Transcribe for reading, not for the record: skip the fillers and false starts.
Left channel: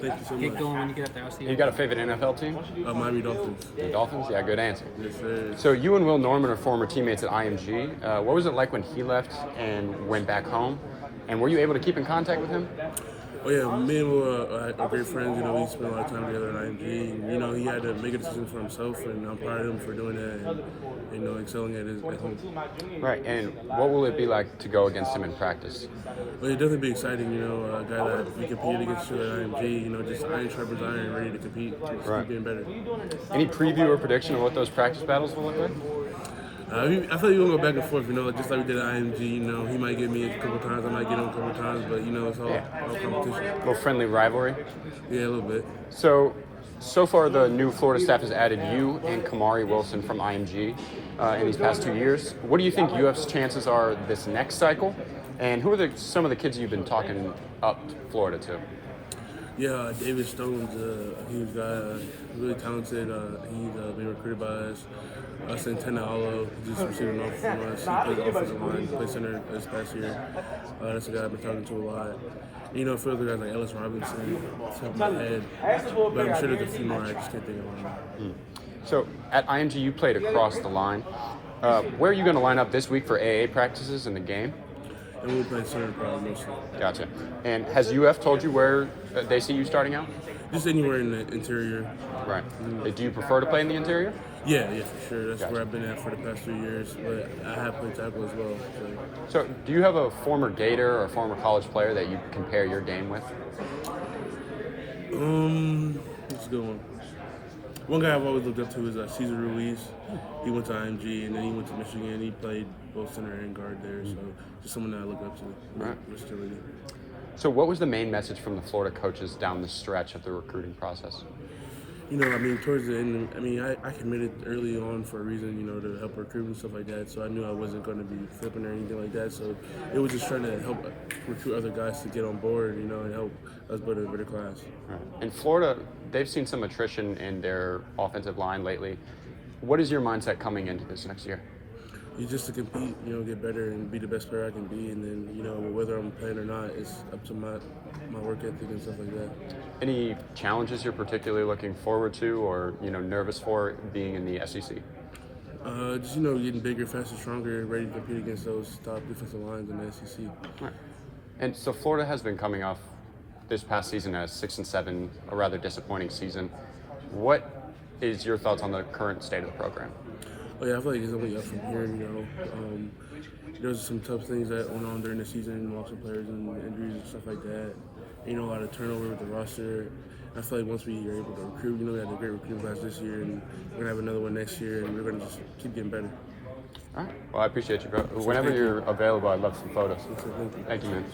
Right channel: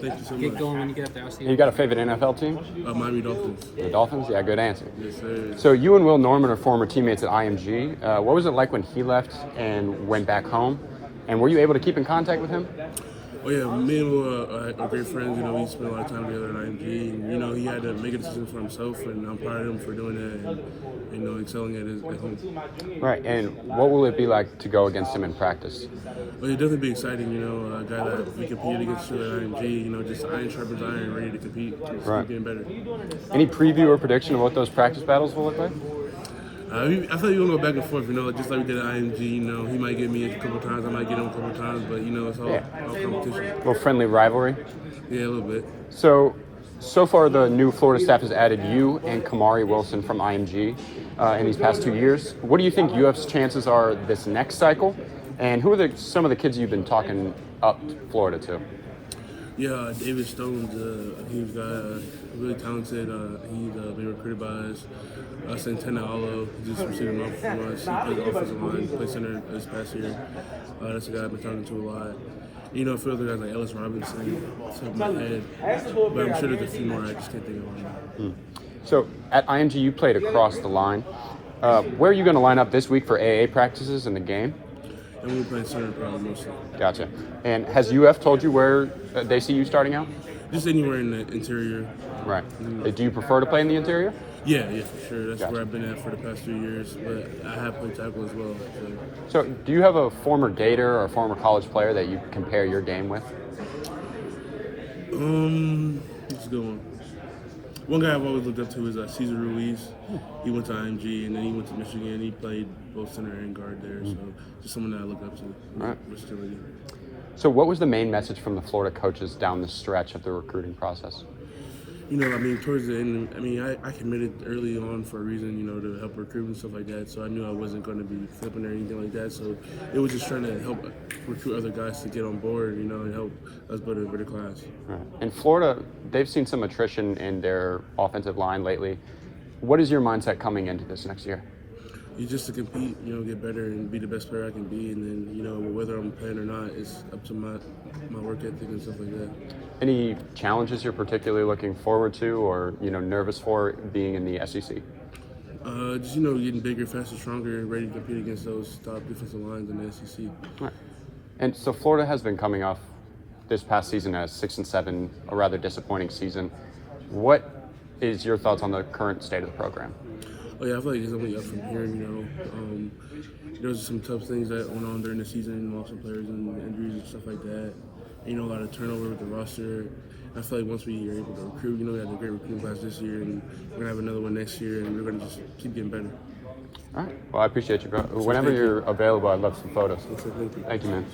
Thank you so Get much. going when you get up there. I'll see you. You got a favorite NFL team? Miami Dolphins. The Dolphins? Yeah, good answer. Yes, sir. So you and Will Norman are former teammates at IMG. What was it like when he left and went back home? And were you able to keep in contact with him? Oh yeah, me and Will are great friends. You know, we spent a lot of time together at IMG, and you know, he had to make a decision for himself, and I'm proud of him for doing that, and you know, excelling at home. Right. And what will it be like to go against him in practice? Well, it'd definitely be exciting. You know, a guy that we competed against each other at IMG. You know, just iron sharpens iron, ready to compete, keep getting better. Any preview or prediction of what those practice battles will look like? I feel like we're gonna go back and forth, you know, just like we did at IMG. You know, he might get me a couple of times, I might get him a couple of times, but you know, it's all competition. A little friendly rivalry. Yeah, a little bit. So far the new Florida staff has added you and Kamari Wilson from IMG in these past 2 years. What do you think UF's chances are this next cycle? And who are some of the kids you've been talking up Florida to? Yeah, David Stone's a huge guy, really talented. He's being recruited by us. Santana Alo, he just received an offer from us. He plays offensive line, he played center this past year. That's a guy I've been talking to a lot. You know, a few other guys like Ellis Robinson, off the top of my head. But I'm sure there's a few more I just can't think of right now. So at IMG, you played across the line. Where are you going to line up this week for AA practices in the game? And we're playing center probably mostly. Gotcha. And has UF told you where they see you starting out? Just anywhere in the interior. Right. Do you prefer to play in the interior? Yeah, for sure. That's where I've been at for the past 3 years. But I have played tackle as well. So do you have a former Gator or former college player that you compare your game with? That's a good one. One guy I've always looked up to is Cesar Ruiz. He went to IMG and then he went to Michigan. He played both center and guard there. So just someone that I look up to. Right. Versatility. So what was the main message from the Florida coaches down the stretch of the recruiting process? You know, I mean, towards the end, I mean, I committed early on for a reason, you know, to help recruit and stuff like that. So I knew I wasn't going to be flipping or anything like that. So it was just trying to help recruit other guys to get on board, you know, and help us build a better class. Right. In Florida, they've seen some attrition in their offensive line lately. What is your mindset coming into this next year? It's just to compete, you know, get better and be the best player I can be. And then, you know, whether I'm playing or not, it's up to my work ethic and stuff like that. Any challenges you're particularly looking forward to or, you know, nervous for being in the SEC? Just, you know, getting bigger, faster, stronger, and ready to compete against those top defensive lines in the SEC. Right. And so Florida has been coming off this past season as 6-7, a rather disappointing season. What is your thoughts on the current state of the program? Oh yeah, I feel like it's only up from here. You know, there was some tough things that went on during the season, lots of players and injuries and stuff like that. And, you know, a lot of turnover with the roster. I feel like once we are able to recruit, you know, we had a great recruiting class this year, and we're gonna have another one next year, and we're gonna just keep getting better. All right. Well, I appreciate you, bro. Whenever you're available, I'd love some photos. Thank you, man.